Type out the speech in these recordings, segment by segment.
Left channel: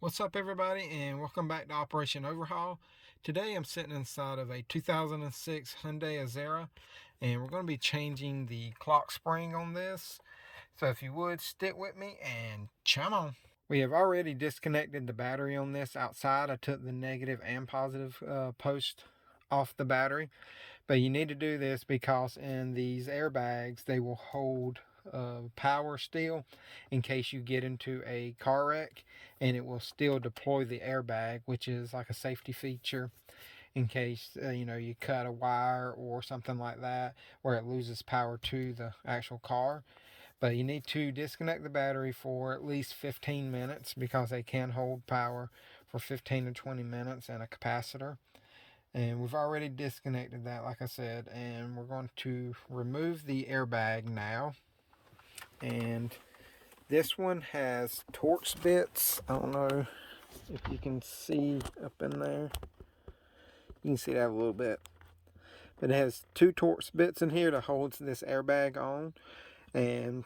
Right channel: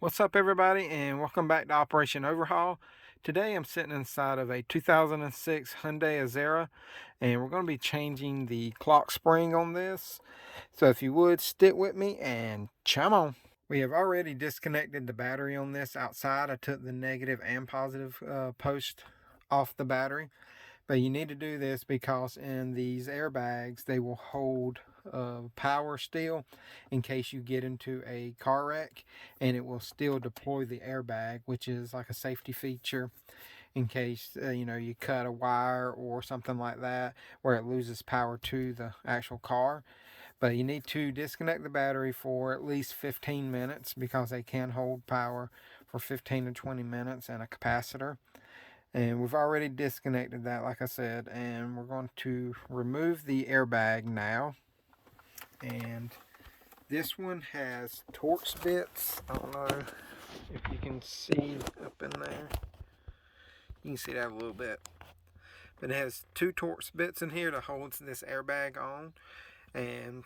What's up, everybody, and welcome back to Operation Overhaul. Today I'm sitting inside of a 2006 Hyundai Azera, and we're going to be changing the clock spring on this. So if you would, stick with me and chime on. We have already disconnected the battery on this outside. I took the negative and positive post off the battery. But you need to do this because in these airbags, they will hold power still in case you get into a car wreck, and it will still deploy the airbag, which is like a safety feature in case you cut a wire or something like that where it loses power to the actual car. But you need to disconnect the battery for at least 15 minutes because they can hold power for 15 to 20 minutes and a capacitor. And we've already disconnected that, like I said, and we're going to remove the airbag now. And this one has Torx bits. I don't know if you can see up in there. You can see that a little bit. But it has two Torx bits in here that holds this airbag on. And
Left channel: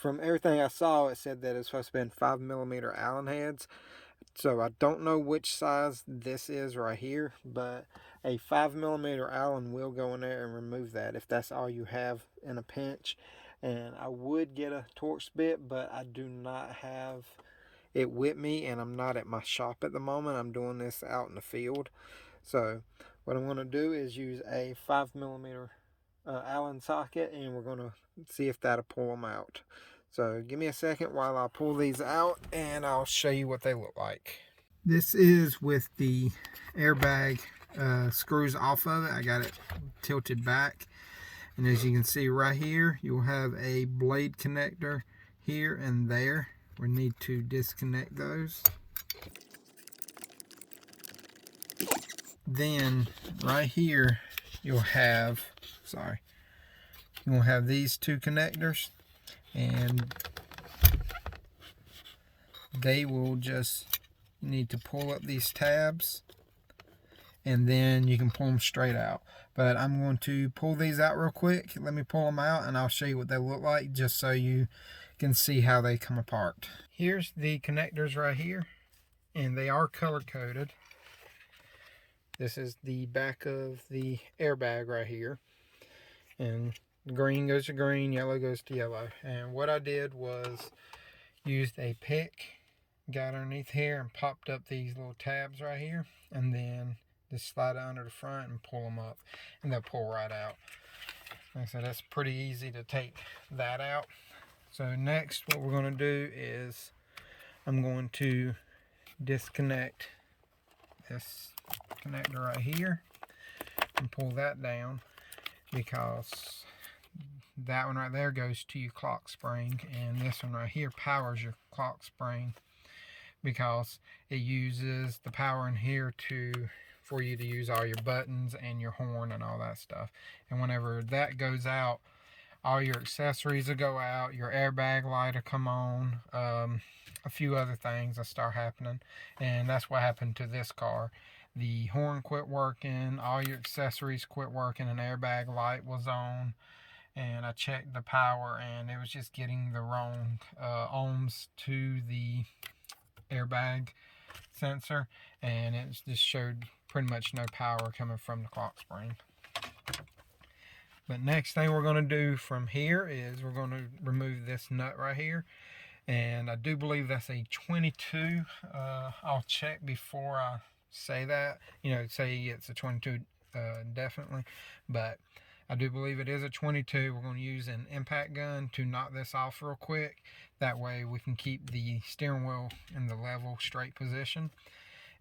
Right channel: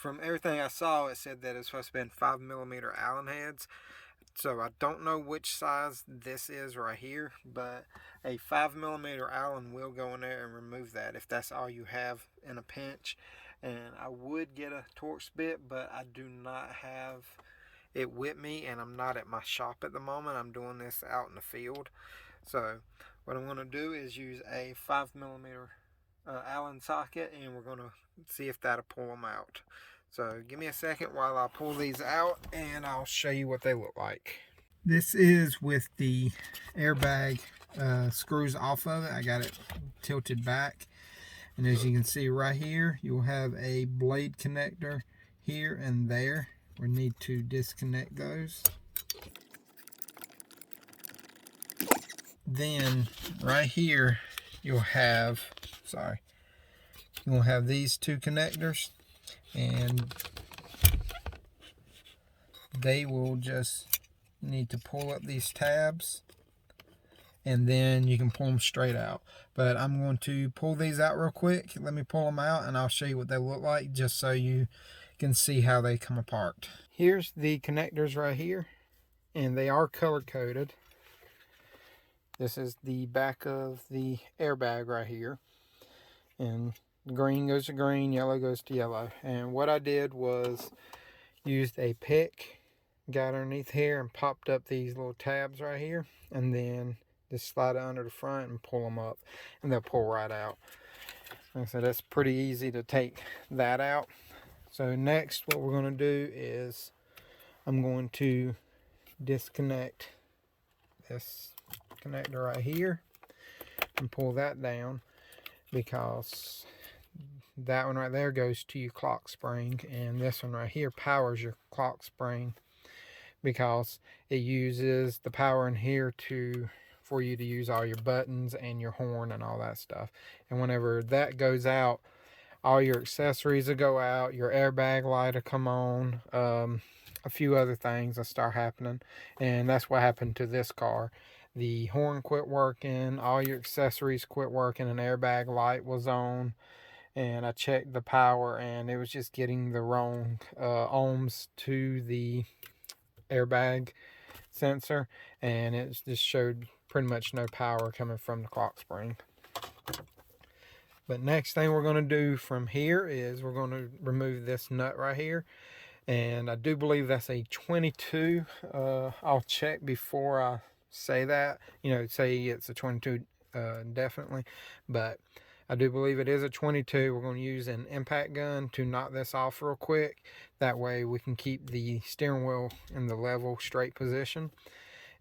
from everything I saw, it said that it's supposed to be in 5mm Allen heads. So I don't know which size this is right here, but a 5mm Allen will go in there and remove that if that's all you have in a pinch. And I would get a Torx bit, but I do not have it with me, and I'm not at my shop at the moment. I'm doing this out in the field. So what I'm going to do is use a 5mm Allen socket, and we're going to see if that'll pull them out. So give me a second while I pull these out and I'll show you what they look like. This is with the airbag screws off of it. I got it tilted back. And as you can see right here, you'll have a blade connector here and there. We need to disconnect those. Then right here, you'll have these two connectors, and they will just need to pull up these tabs, and then you can pull them straight out. But I'm going to pull these out real quick. Let me pull them out and I'll show you what they look like, just so you can see how they come apart. Here's the connectors right here, and they are color coded. This is the back of the airbag right here, and green goes to green, yellow goes to yellow. And what I did was used a pick, got underneath here and popped up these little tabs right here, and then just slide it under the front and pull them up, and they'll pull right out. Like I said, that's pretty easy to take that out. So next, what we're going to do is I'm going to disconnect this connector right here and pull that down, because that one right there goes to your clock spring, and this one right here powers your clock spring, because it uses the power in here for you to use all your buttons and your horn and all that stuff. And whenever that goes out, all your accessories will go out, your airbag light will come on, a few other things will start happening. And that's what happened to this car. The horn quit working, all your accessories quit working, and airbag light was on. And I checked the power, and it was just getting the wrong ohms to the airbag sensor, and it just showed pretty much no power coming from the clock spring. But next thing we're going to do from here is we're going to remove this nut right here, and I do believe that's a 22. I'll check before I say that, say it's a 22 definitely, but I do believe it is a 22. We're going to use an impact gun to knock this off real quick. That way we can keep the steering wheel in the level straight position.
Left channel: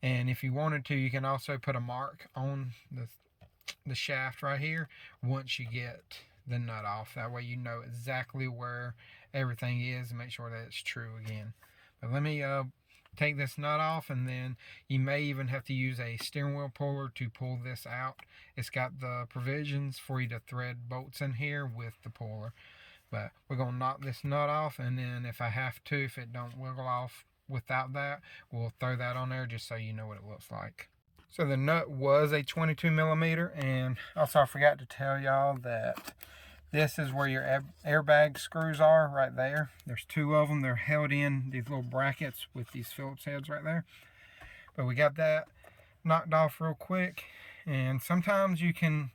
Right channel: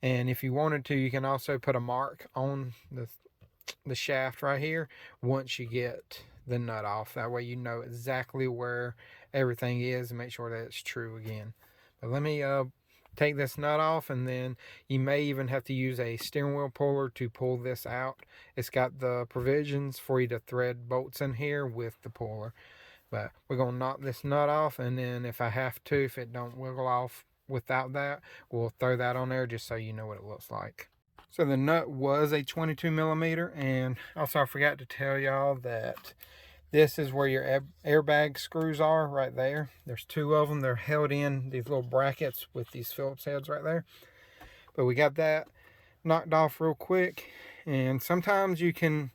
And if you wanted to, you can also put a mark on the shaft right here once you get the nut off. That way you know exactly where everything is and make sure that it's true again. But let me take this nut off, and then you may even have to use a steering wheel puller to pull this out. It's got the provisions for you to thread bolts in here with the puller. But we're going to knock this nut off, and then if I have to, if it don't wiggle off without that, we'll throw that on there just so you know what it looks like. So the nut was a 22mm, and also I forgot to tell y'all that This is where your airbag screws are, right there. There's two of them. They're held in these little brackets with these Phillips heads right there. But we got that knocked off real quick. And sometimes you can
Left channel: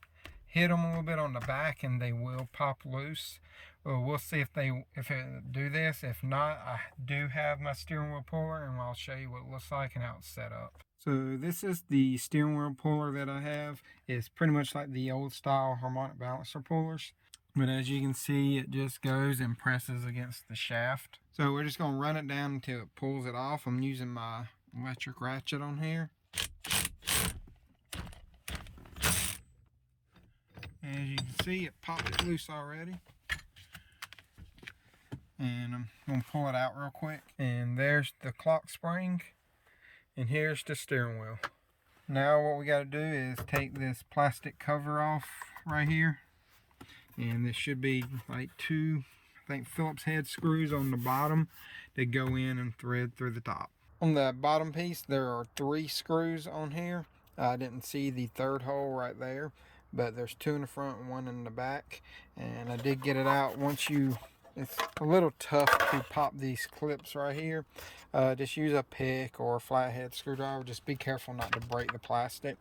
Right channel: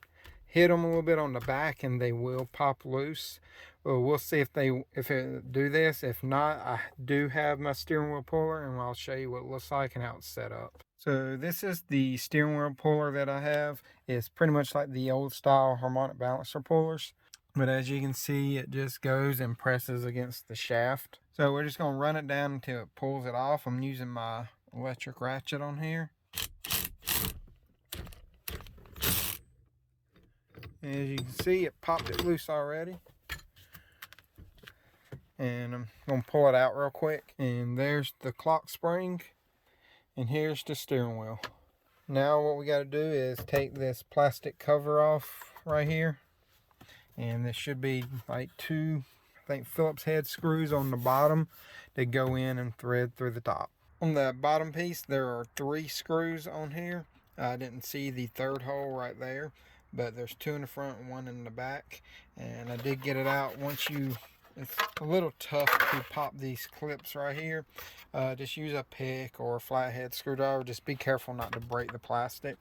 hit them a little bit on the back and they will pop loose. Well, we'll see if it do this. If not, I do have my steering wheel puller, and I'll show you what it looks like and how it's set up. So this is the steering wheel puller that I have. It's pretty much like the old style harmonic balancer pullers. But as you can see, it just goes and presses against the shaft. So we're just going to run it down until it pulls it off. I'm using my electric ratchet on here. As you can see, it popped it loose already. And I'm going to pull it out real quick. And there's the clock spring. And here's the steering wheel. Now what we got to do is take this plastic cover off right here. And this should be like two, I think, Phillips head screws on the bottom that go in and thread through the top. On the bottom piece, there are 3 screws on here. I didn't see the third hole right there, but there's 2 in the front and 1 in the back. And I did get it out. It's a little tough to pop these clips right here. Just use a pick or a flathead screwdriver. Just be careful not to break the plastic.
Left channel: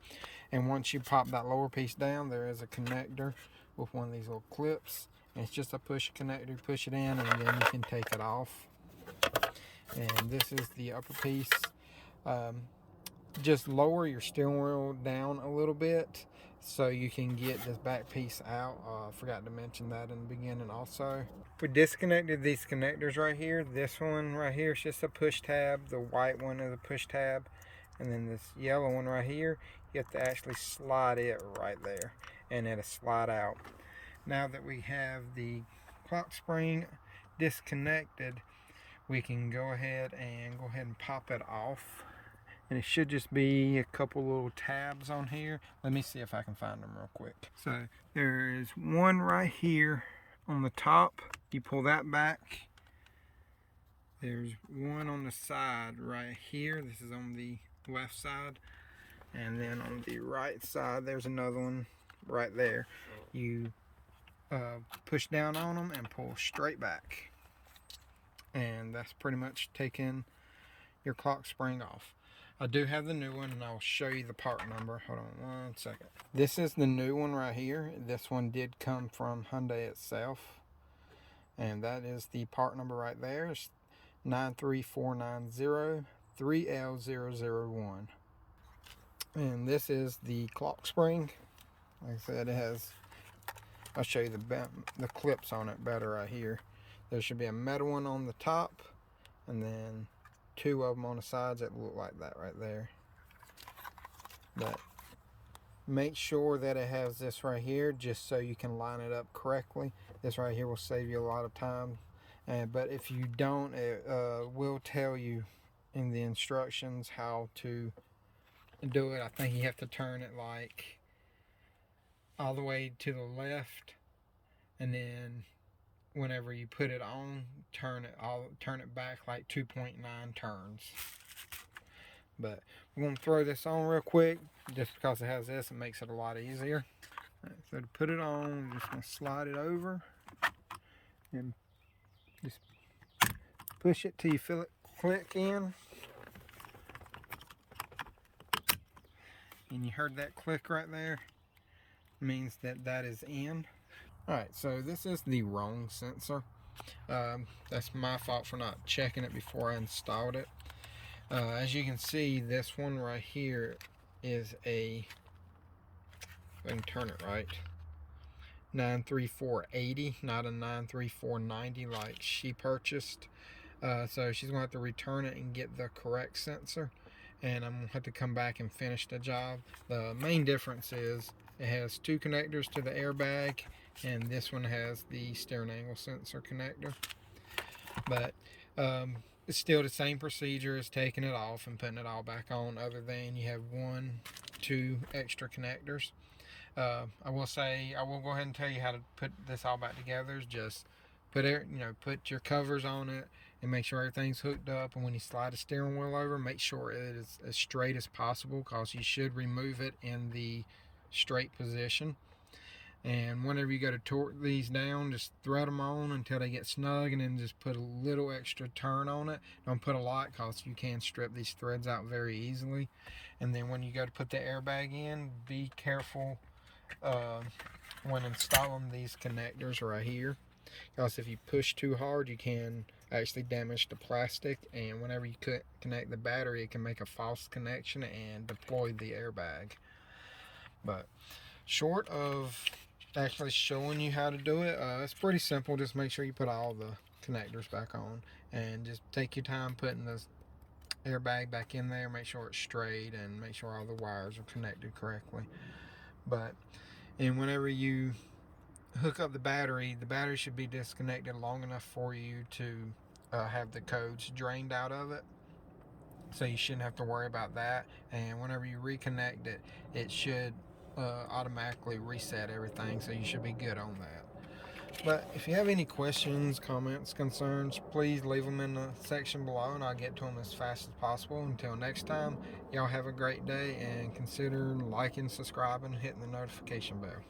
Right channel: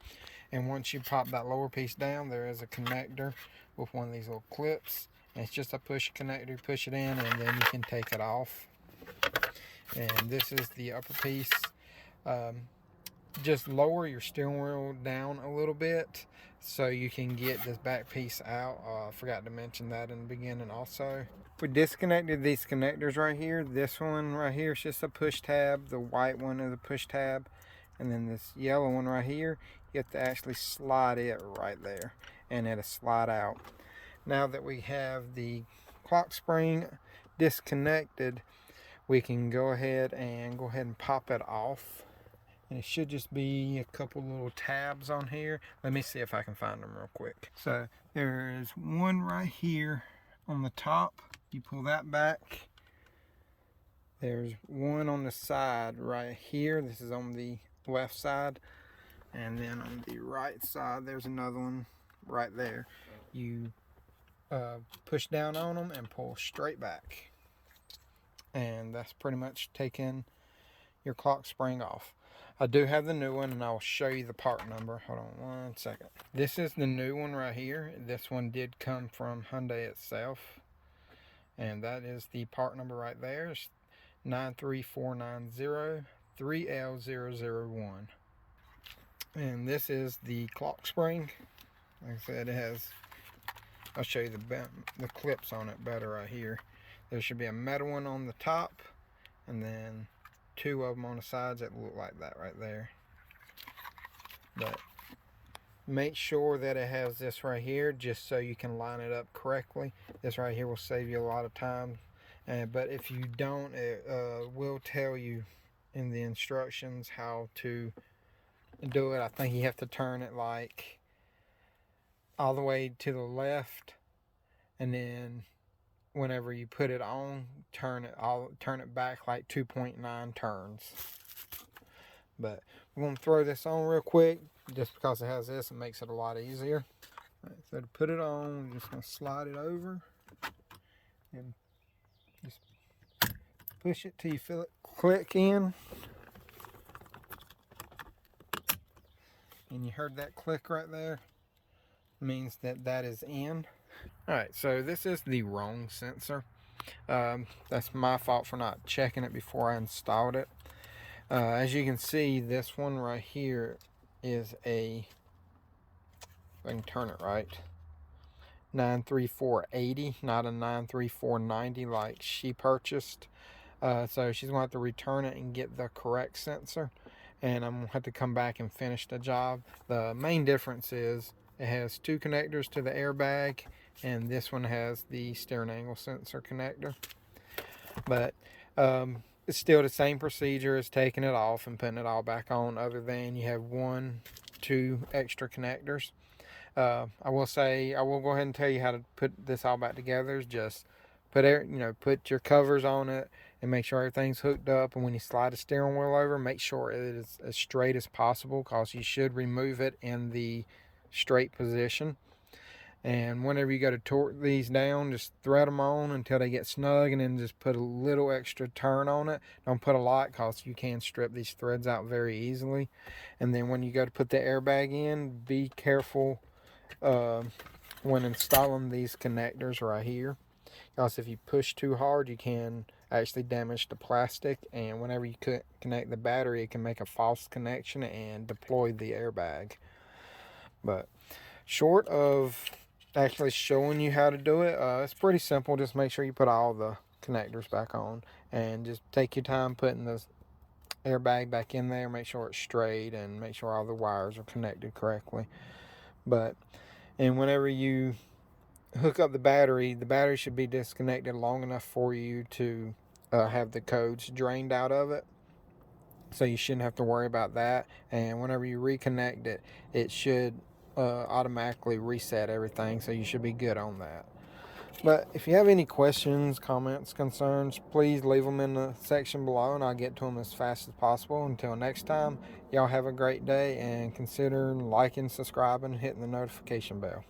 And once you pop that lower piece down, there is a connector with one of these little clips. And it's just a push connector. You push it in and then you can take it off. And this is the upper piece. Just lower your steering wheel down a little bit so you can get this back piece out. I forgot to mention that in the beginning also. We disconnected these connectors right here. This one right here is just a push tab. The white one is a push tab. And then this yellow one right here, you have to actually slide it right there. And it'll slide out. Now that we have the clock spring disconnected, we can go ahead and pop it off. And it should just be a couple little tabs on here. Let me see if I can find them real quick. So there is one right here on the top. You pull that back. There's one on the side right here. This is on the left side. And then on the right side, there's another one right there. You push down on them and pull straight back. And that's pretty much taking your clock spring off. I do have the new one, and I'll show you the part number. Hold on one second. This is the new one right here. This one did come from Hyundai itself. And that is the part number right there. It's 93490-3L001. And this is the clock spring. Like I said, it has, I'll show you the clips on it better right here. There should be a metal one on the top, and then 2 of them on the sides that look like that right there. But make sure that it has this right here just so you can line it up correctly. This right here will save you a lot of time. But if you don't, it will tell you in the instructions how to do it. I think you have to turn it like all the way to the left, and then whenever you put it on, turn it back like 2.9 turns. But we're going to throw this on real quick. Just because it has this, it makes it a lot easier. All right, so to put it on, we're just going to slide it over and just push it till you feel it click in. And you heard that click right there. It means that is in. Alright, so this is the wrong sensor. That's my fault for not checking it before I installed it. As you can see, this one right here is a, if I can turn it right, 93480, not a 93490 like she purchased. So she's going to have to return it and get the correct sensor. And I'm going to have to come back and finish the job. The main difference is it has 2 connectors to the airbag, and this one has the steering angle sensor connector. But it's still the same procedure as taking it off and putting it all back on, other than you have 2 extra connectors. I will go ahead and tell you how to put this all back together. Just put your covers on it and make sure everything's hooked up. And when you slide the steering wheel over, make sure it is as straight as possible, because you should remove it in the straight position. And whenever you go to torque these down, just thread them on until they get snug, and then just put a little extra turn on it. Don't put a lot, because you can strip these threads out very easily. And then when you go to put the airbag in, be careful when installing these connectors right here, because if you push too hard, you can actually damage the plastic, and whenever you connect the battery, it can make a false connection and deploy the airbag. But short of actually showing you how to do it, it's pretty simple. Just make sure you put all the connectors back on, and just take your time putting the airbag back in there. Make sure it's straight, and make sure all the wires are connected correctly. And whenever you hook up the battery should be disconnected long enough for you to have the codes drained out of it, so you shouldn't have to worry about that. And whenever you reconnect it, it should automatically reset everything, so you should be good on that. But if you have any questions, comments, concerns, please leave them in the section below, and I'll get to them as fast as possible. Until next time, y'all have a great day, and consider liking, subscribing, and hitting the notification bell.